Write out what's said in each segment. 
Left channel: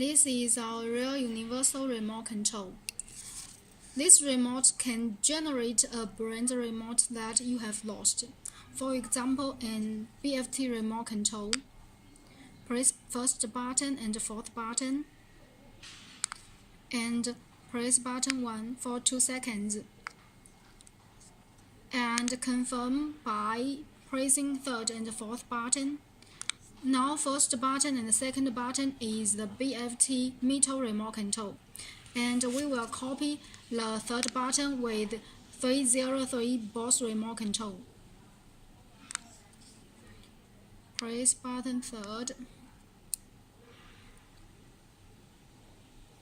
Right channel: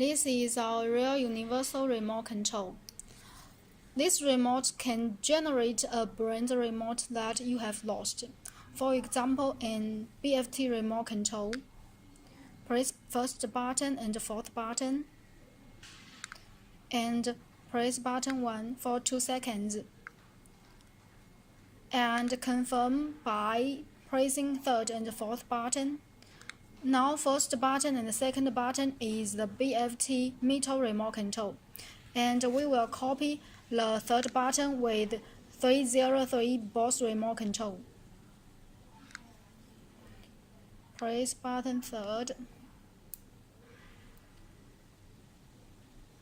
This is our real universal remote control. This remote can generate a brand remote that you have lost. For example, in BFT remote control, press first button and fourth button, and press button 1 for 2 seconds, and confirm by pressing third and fourth button. Now first button and second button is the BFT MITTO remote control, and we will copy the third button with 303 BRO.STAR remote control. Press button third.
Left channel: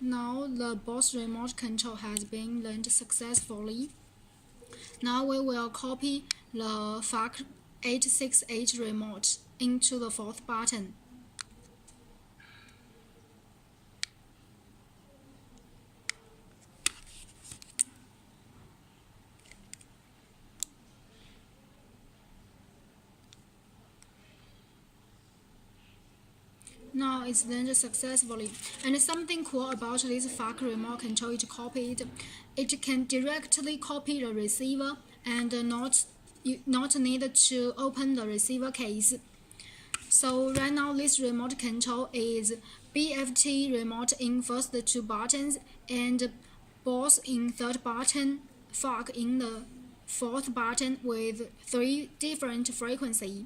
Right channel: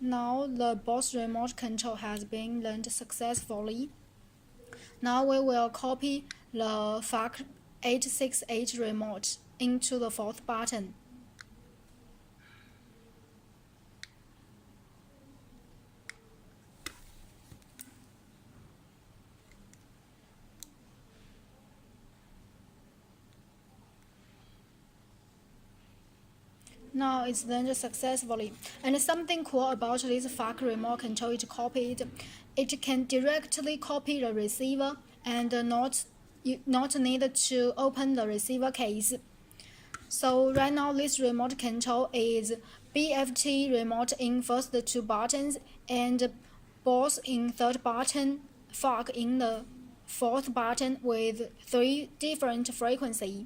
Now the BRO.STAR remote control has been learned successfully. Now we will copy the FAAC 868 remote into the fourth button. Now it's learned successfully. And something cool about this FAAC remote control is copied. It can directly copy the receiver and not need to open the receiver case. So right now this remote control is BFT remote in first 2 buttons and BRO.STAR in third button, FAAC in the fourth button with 3 different frequencies.